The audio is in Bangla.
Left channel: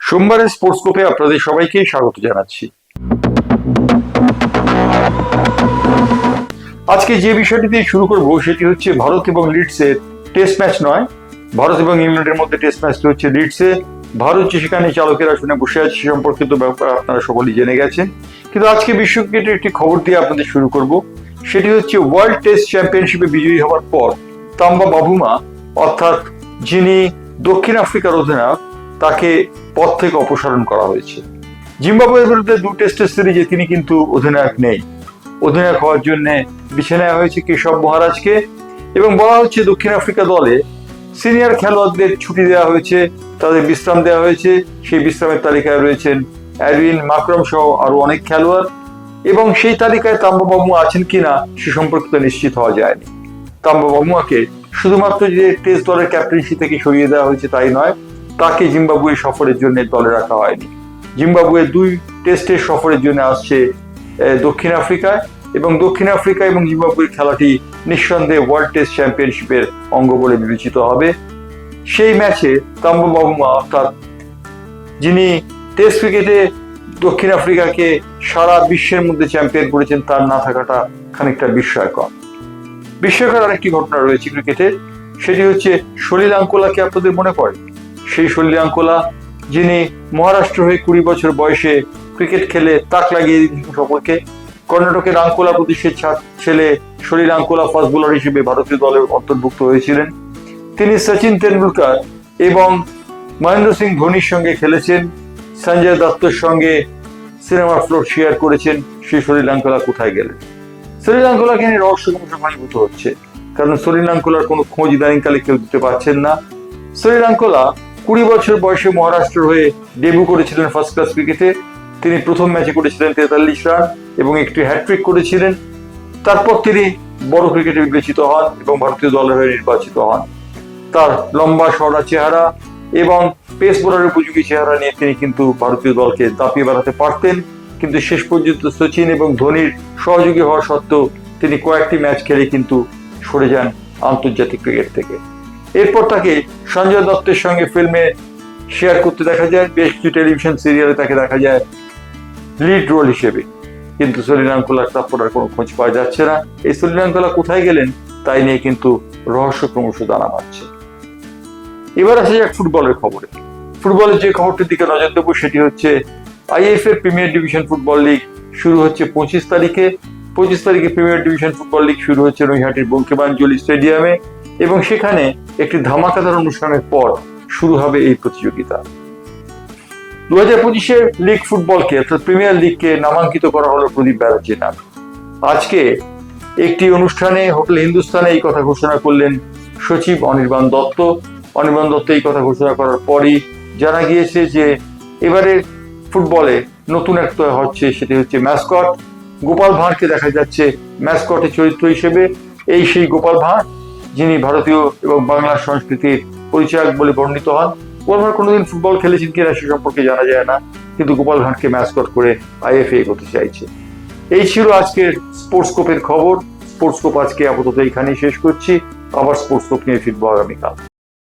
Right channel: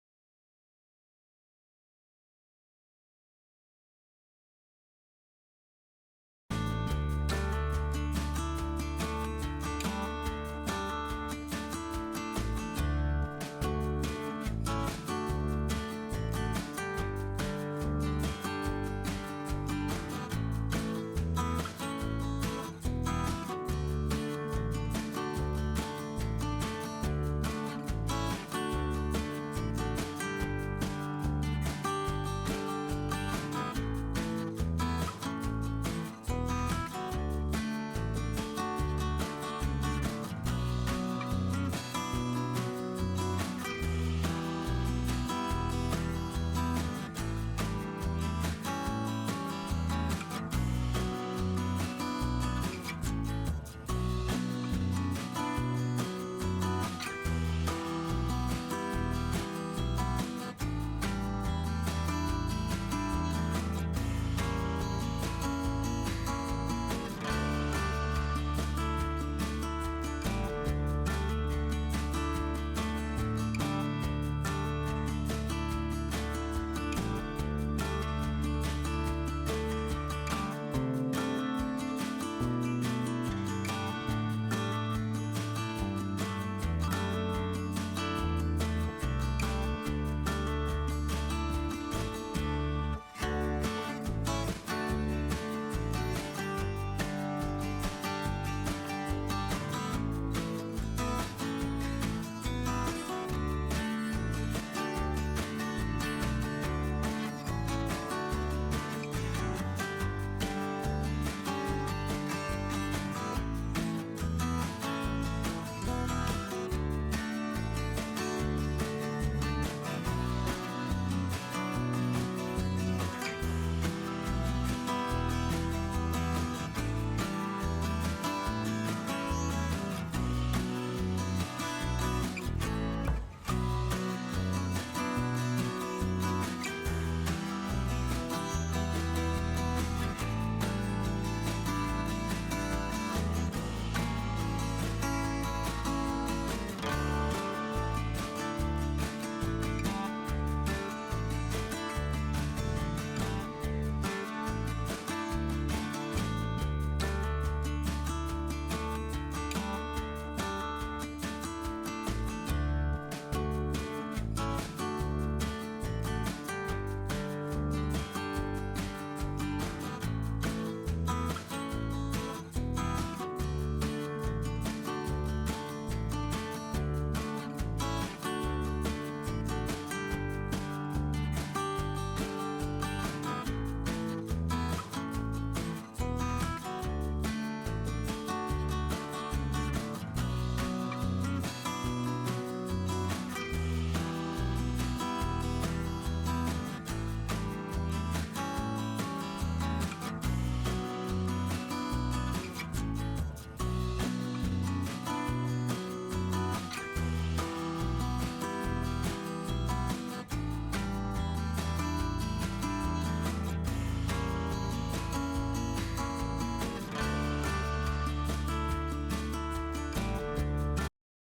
সোমবারের স্পোর্টস্কোপে আপনাদের সবাইকে স্বাগত জানাচ্ছি। আজকে যে বিষয়টি দিয়ে শুরু করব সেটি হচ্ছে ভারত এবং লিডসের টেস্ট ম্যাচ নয়, ভারত এবং ইংল্যান্ডের মধ্যে টেস্ট ম্যাচটি হচ্ছে লিডসে। ভারত যে সেখানে চালকের আসনে বসে আছে সে সম্পর্কিত ব্যাপার আপনারা সকলেই জেনে গেছেন, কিন্তু আজকে বিশ্ব ক্রিকেটের একটি খবর দিয়ে আপনাদের শুরু করব। সেটি হচ্ছে ওয়ার্ল্ড টেস্ট চ্যাম্পিয়নশিপে বিজয়ী হওয়ার পর তাম্বা বাবুমা, অর্থাৎ যিনি দক্ষিণ আফ্রিকার অধিনায়ক, তাকে পদ থেকে অপসারণ করা হয়েছে। জিম্বাবুয়ের বিরুদ্ধে 2 টেস্টের সিরিজে তিনি কিন্তু অধিনায়ক নেই। অধিনায়ক হওয়ার জন্য বেছে নেওয়া হয়েছে কেশব মহারাজকে, এবং বলা হচ্ছে দক্ষিণ আফ্রিকা দলে সিনিয়র খেলোয়াড়দের ছুটি দেওয়া হয়েছে, তাদের বিশ্রাম দেওয়া হয়েছে। সেই বিশ্রামের তালিকায় রয়েছেন অ্যাডউইন মাকরাম সহ আরো অনেক খেলোয়াড়, এবং সেই তালিকায় তাম্বা বাবুমা আছেন কিনা সে সম্পর্কে নিশ্চিত হওয়া যায়নি। তাম্বা বাবুমাকে শুধুমাত্র যে টেস্ট দলের ক্যাপ্টেন্সি থেকে সরিয়ে দেওয়া হয়েছে তাই নয়, তাকে জিম্বাবুয়ে সফরের জন্য দলে রাখা হয়নি। জিম্বাবুয়ে 2 টেস্টের সফরের জন্য আসছে দক্ষিণ আফ্রিকায়, এবং দক্ষিণ আফ্রিকা এবং জিম্বাবুয়ের খেলাটি নিঃসন্দেহে ওয়ার্ল্ড টেস্ট চ্যাম্পিয়নশিপের অঙ্গ বলে বিবেচিত হবে। সেই ম্যাচে তাম্বা বাবুমা, অর্থাৎ যিনি টেস্ট ক্রিকেটে দক্ষিণ আফ্রিকাকে সারা বিশ্বের মধ্যে চ্যাম্পিয়ন করেছেন, তার না থাকাটা খানিকটা বিস্ময়কর। বিস্ময়কর আরেকটি ঘটনা রয়েছে ক্রিকেটের, সেটি হচ্ছে সলিল আঙ্কোলাকে আপনাদের মনে পড়ে? সেই সলিল আঙ্কোলা যিনি মহারাষ্ট্র হয়ে 20 বছর বয়সে ক্রিকেট খেলে তাক লাগিয়ে সকলকে। কর্ণাটকের আঙ্কোলা প্রদেশের ছেলে সলিল আঙ্কোলা ফাস্ট বোলার হিসেবে ভারতীয় দলে অন্তর্ভুক্ত হয়েছিলেন। তিনি সচিন তেন্ডুলকর এবং মহেন্দ্র সিং ধোনির সঙ্গে খেলেছেন, সঞ্জয় দত্তর সঙ্গে সিনেমার ফ্লোর শেয়ার করেছেন। সেই সলিল আঙ্কোলা কোথায় গেলেন? সলিল আঙ্কোলাকে নিয়ে রহস্য ঘনীভূত হচ্ছে, কারণ সলিল আঙ্কোলার কোনো খোঁজ ইদানিংকালে কেউ দিতে পারছেন না। সলিল আঙ্কোলা 20 বছর বয়সে মহারাষ্ট্র হয়ে ডেবিউ করেছিলেন ফার্স্ট ক্লাস ক্রিকেটে। তিনি প্রথম ম্যাচে করেছিলেন 43 রান এবং একটি হ্যাটট্রিক করেছিলেন। তারপর তিনি বড় ক্রিকেটে বিবেচিত হন এবং ভারতীয় দলের হয়ে নির্বাচিত হন। তার লম্বা সরা চেহারা এবং পেস বোলারের উপযোগী চেহারা নিয়ে তিনি কিন্তু ভারতীয় দলকে দাপিয়ে বেড়াতে পারতেন, কিন্তু শেষ পর্যন্ত সচিন এবং ধোনির সহযোগী হওয়া সত্ত্বেও তিনি কয়েকটি ম্যাচ খেলে কিন্তু সরে যান আন্তর্জাতিক ক্রিকেট থেকে। এরপর তাকে সঞ্জয় দত্তের সঙ্গে ফিল্মে শেয়ার করতে দেখা যায়, বেশ কিছু টেলিভিশন সিরিয়ালে তাকে দেখা যায় লিড রোল হিসেবে, কিন্তু সলিল আঙ্কোলার তারপর আর কোনো খোঁজ পাওয়া যাচ্ছে না। এই সলিল আঙ্কোলা কোথায় গেলেন তাই নিয়ে কিন্তু রহস্য ক্রমশ দানা বাঁধছে। এবার আসা যাক ফুটবলের খবরে। ফুটবলের যে খবরটির দিকে নজর দেবো সেটি হচ্ছে IFA premier division football league শুরু হচ্ছে 25 তারিখে। 25 তারিখে প্রিমিয়ার ডিভিশন ফুটবল লিগ শুরু হচ্ছে নৈহাটির বঙ্কিমাঞ্জলি স্টেডিয়ামে, এবং সেখানে একটি ধামাকাদার অনুষ্ঠানের পর শুরু হবে এই প্রতিযোগিতা। 2025-এর লিগ ফুটবলকে, অর্থাৎ প্রিমিয়ার লিগকে নামাঙ্কিত করা হলো প্রদীপ ব্যানার্জির নামে। আজকে একটি অনুষ্ঠানে হোটেল হিন্দুস্তানে এই কথা ঘোষণা করলেন সচিব অনির্বাণ দত্ত। অনির্বাণ দত্ত এই কথা ঘোষণা করার পরই জানা গিয়েছে যে এবারে ফুটবলে নতুন একটা হচ্ছে, সেটি হচ্ছে ম্যাসকট। গোপাল ভাঁড়কে দেখা যাচ্ছে ম্যাসকটের চরিত্র হিসেবে। এই সেই গোপাল ভাঁড় যিনি ভারতীয় এবং বাংলা সংস্কৃতির পরিচায়ক বলে বর্ণিত হন। গোপাল ভাঁড় কোনোদিন ফুটবল খেলেছেন কিনা সে সম্পর্কে জানা যায় না, কিন্তু গোপাল ভাঁড়কে ম্যাসকট করে আইএফএ এগোতে চাইছে। এই ছিল আজকের স্পোর্টস্কোপের খবর। স্পোর্টস্কোপ আজকে আপাতত এখানেই শেষ করছি। আবার স্পোর্টস্কোপ নিয়ে ফিরবো আগামীকাল।